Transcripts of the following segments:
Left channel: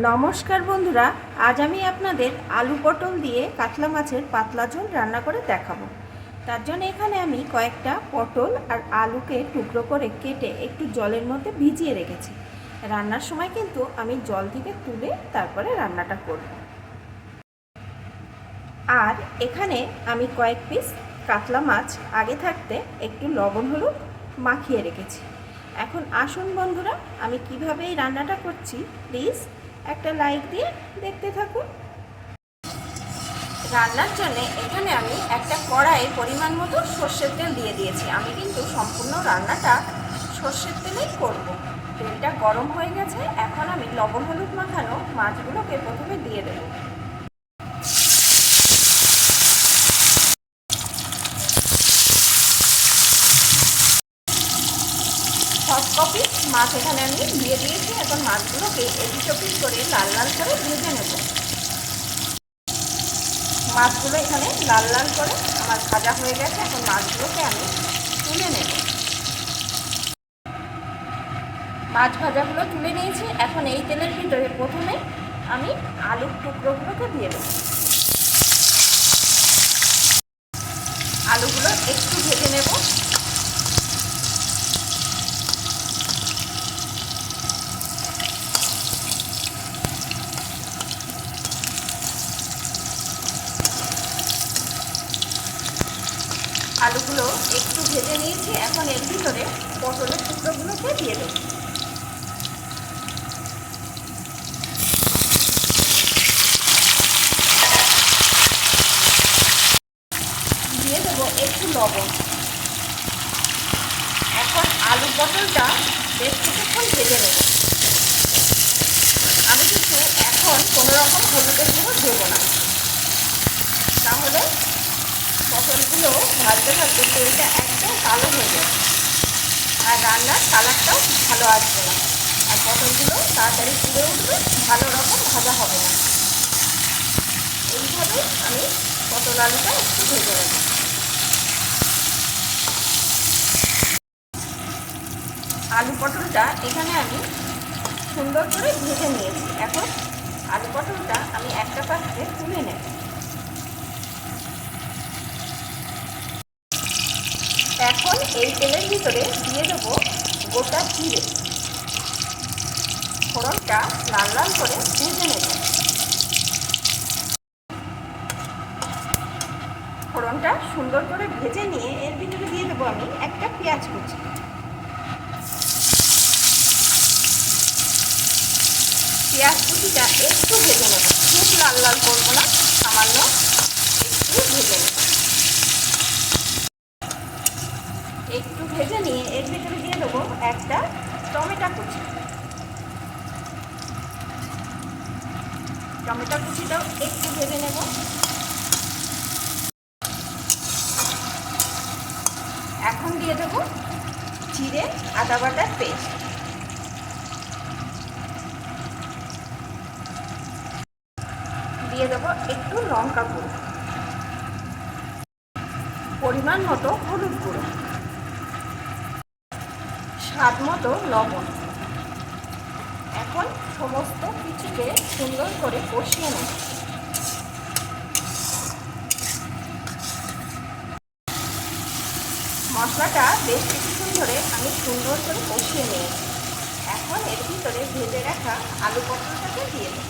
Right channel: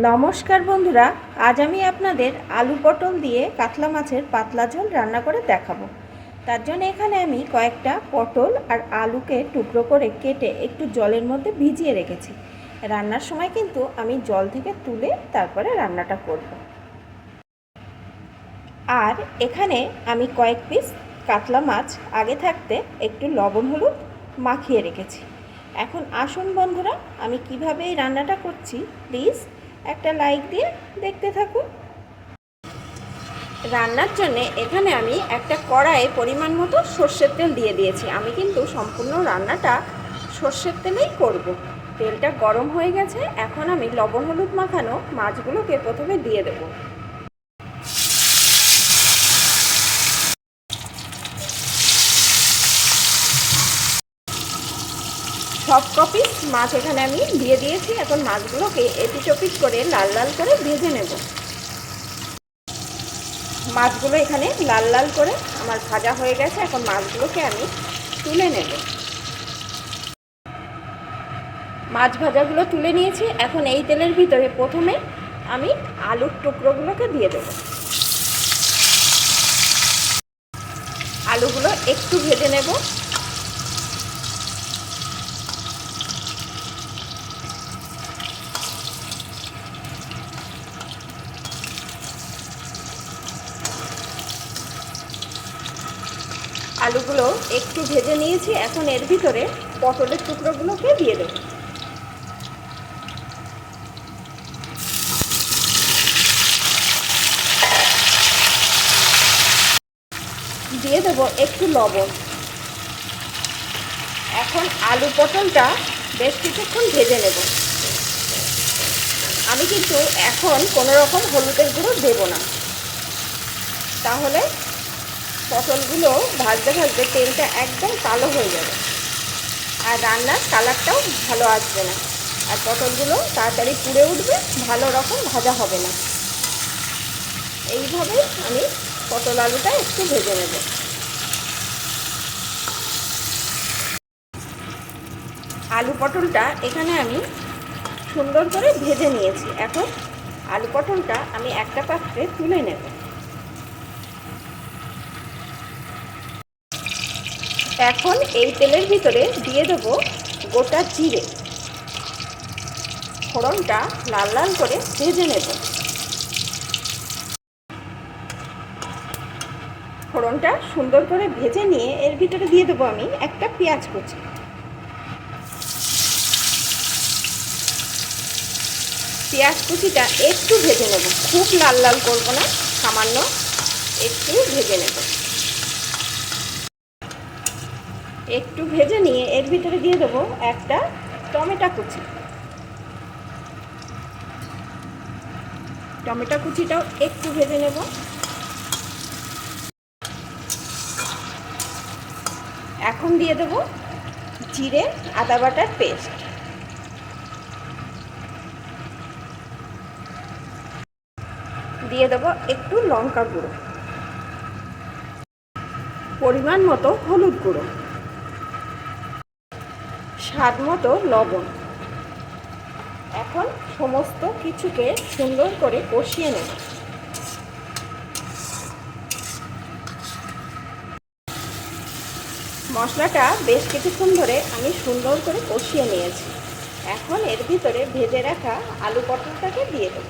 নমস্কার বন্ধুরা, আজ আমি আপনাদের আলু পটল দিয়ে কাতলা মাছের পাতলা ঝোল রান্না করে দেখাবো। তার জন্য এখানে আমি কয়েকটা পটল আর আলুকে টুকরো করে কেটে একটু জলের মধ্যে ভিজিয়ে রেখেছি। রান্নার সময় কিন্তু আমি জল থেকে তুলে তারপরে রান্নাটা করব। আর এখানে আমি কয়েক পিস কাতলা মাছ আগে থাকতে একটু লবণ হলুদ মাখিয়ে রেখেছি। এখন আসুন বন্ধুরা, আমি কীভাবে এই রান্নাটা করছি, প্লিজ একটা লাইক দিয়ে দেখতে থাকুন। রান্নার জন্য এখানে আমি একটা কড়াইয়ে পরিমাণ মতো সর্ষের তেল দিয়ে দিয়েছি। আমি কিন্তু সম্পূর্ণ রান্নাটা সর্ষের তেলেই করব। তেলটা গরম হয়ে গেছে, এখন আমি লবণ হলুদ মাখানো মাছগুলোকে প্রথমে দিয়ে দেবো। সব কপি মাছ এখানে আমি দিয়ে দিয়েছি। এখন মাছগুলোকে এপিচ ওপিচ করে লাল লাল করে ভেজে নেব। মাছগুলো এখানে লাল লাল করে আমার ভাজা হয়ে গেছে। এখন মাছগুলোকে আমি তুলে নেব। মাছ ভাজাগুলো তুলে নিয়েছি। এখন এই তেলের ভিতরে প্রথমে আমি আলুর টুকরোগুলোকে দিয়ে দেব। আলুগুলো একটু ভেজে নেব। আলুগুলো একটু ভেজে নিয়েছি, এখন এর ভিতরে পটলের টুকরোগুলোকে দিয়ে দেবো। দিয়ে দেবো একটু লবণ। এখন আলু পটলটা বেশ কিছুক্ষণ ভেজে নেব। আমি কিন্তু এখন কোনো রকম হলুদের গুঁড়ো দেবো না। তাহলে পটলগুলো ভাজতে ভাজতে তেলটা একদম কালো হয়ে যাবে। আর রান্নার কালারটাও ভালো আসবে না। আর পটলগুলো তাড়াতাড়ি পুড়ে উঠবে, ভালো রকম ভাজা হবে না। এইভাবেই আমি পটল আলুটা একটু ভেজে নেব। আলু পটলটা এখানে আমি সুন্দর করে ভেজে নিয়েছি। এখন আলু পটলটা আমি একটা পাত্রে তুলে নেব। এখন এই তেলের ভিতরে দিয়ে দেব গোটা চিড়ে ফোড়নটা লাল লাল করে ভেজে নেব। ফোড়নটা সুন্দর করে ভেজে নিয়ে এর ভিতরে দিয়ে দেবো আমি একটা পেঁয়াজ কুচি। পেঁয়াজ কুচিটা একটু ভেজে নেব। খুব লাল লাল করব না, সামান্য একটু ভেজে নেব। একটু ভেজে নিয়ে এর ভিতরে দিয়ে দেবো একটা টমেটো কুচি। টমেটো কুচিটাও একটু ভেজে নেব। এখন দিয়ে দেবো জিরে, আদা বাটার পেস্ট। দিয়ে দেবো একটু লঙ্কা গুঁড়ো। পরিমাণ মতো হলুদ গুঁড়ো। স্বাদ মতো লবণ। এখন সমস্ত কিছুকে সুন্দর করে কষিয়ে নেব। মশলাটা বেশ কিছুক্ষণ ধরে আমি সুন্দর করে কষিয়ে নিয়েছি। এখন এর ভিতরে ভেজে রাখা আলু পটলটাকে দিয়ে দেব।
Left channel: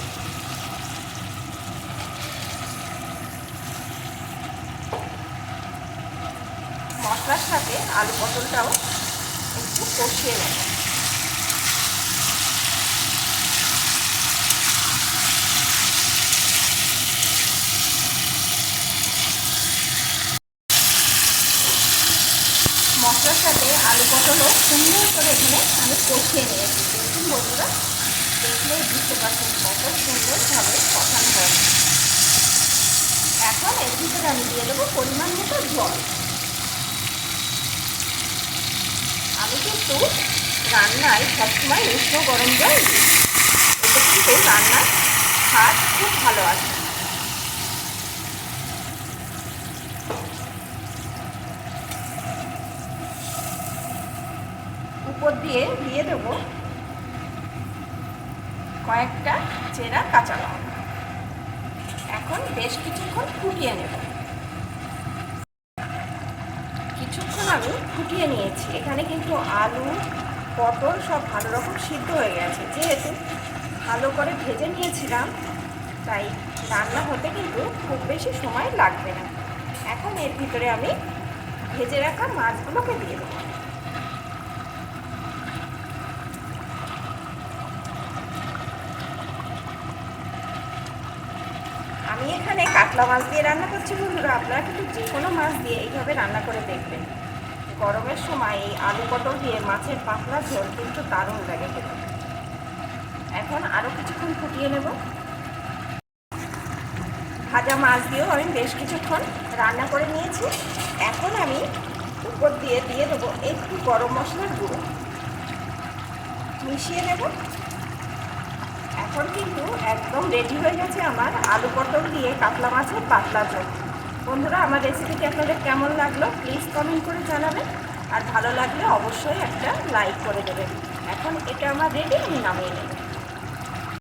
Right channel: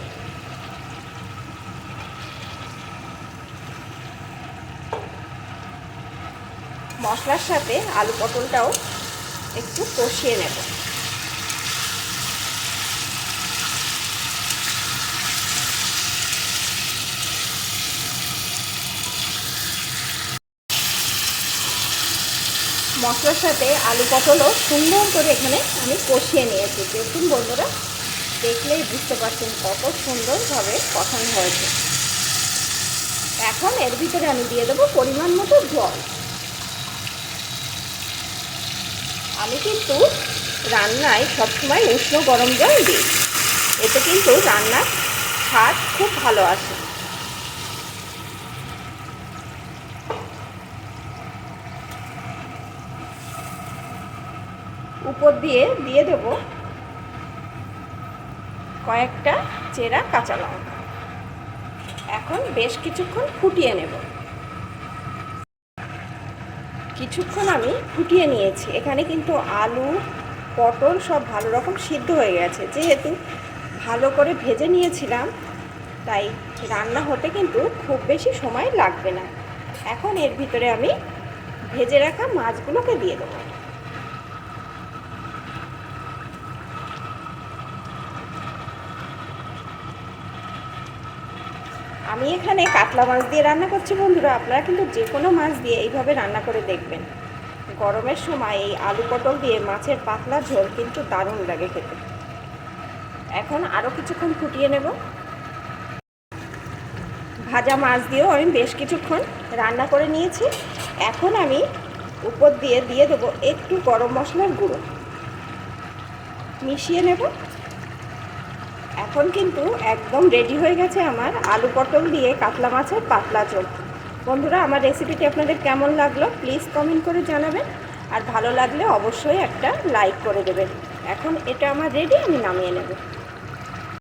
মশলার সাথে আলু পটলটাও একটু কষিয়ে নেব। মশলার সাথে আলু পটলও সুন্দর করে এখানে আমি কষিয়ে নিয়েছি। দেখুন বন্ধুরা দেখলেই বুঝতে পারছেন কত সুন্দরভাবে কষানো হয়েছে। এখন এর ভিতরে আমি দিয়ে দেবো পরিমাণ মতো জল। আমি কিন্তু রান্নায় সবসময় উষ্ণ গরম জল দিই। এতে কিন্তু রান্নার স্বাদ খুব ভালো আসে। উপর দিয়ে দিয়ে দেবো কয়েকটা চেরা কাঁচা লঙ্কা। এখন বেশ কিছুক্ষণ ফুটিয়ে নেব। কিছুক্ষণ আমি ফুটিয়ে নিয়েছি। এখানে কিন্তু আলু, পটল সব ভালো রকম সিদ্ধ হয়ে গেছে। যেহেতু ভালো করে ভেজে নিয়েছিলাম, তাই রান্না হতে কিন্তু খুব বেশি সময় লাগবে না। এখন এর ভিতরে আমি ভেজে রাখা মাছগুলোকে দিয়ে দেবো। আমি এখানে কাতলা মাছ দিয়ে রান্না করছি বন্ধুরা, আপনারা কিন্তু যে কোনো মাছ দিয়ে এইভাবে রান্না করে দেখবেন। গরমের সময় এই আলু পটল দিয়ে মাছের পাতলা ঝোল কিন্তু দারুণ লাগে খেতে। এখন আরও কিছুক্ষণ ফুটিয়ে নেব। ভাজা মাছ দিয়েও আমি বেশ কিছুক্ষণ রান্না করে নিয়েছি। এখন আমি উপর দিয়ে দিয়ে দেবো একটু গরম মশলার গুঁড়ো। মিশিয়ে নেব। এখন কিন্তু একদম রেডি হয়ে গেছে আমার আলু পটল দিয়ে কাতলা মাছের পাতলা ঝোল। বন্ধুরা, আমার রেসিপিটি আপনাদের কেমন লাগল প্লিজ কমেন্ট করে জানাবেন। আর ভালো লাগলে অবশ্যই একটা লাইক করে দেবেন। এখন এটা আমার রেডি আমি নামিয়ে নেব।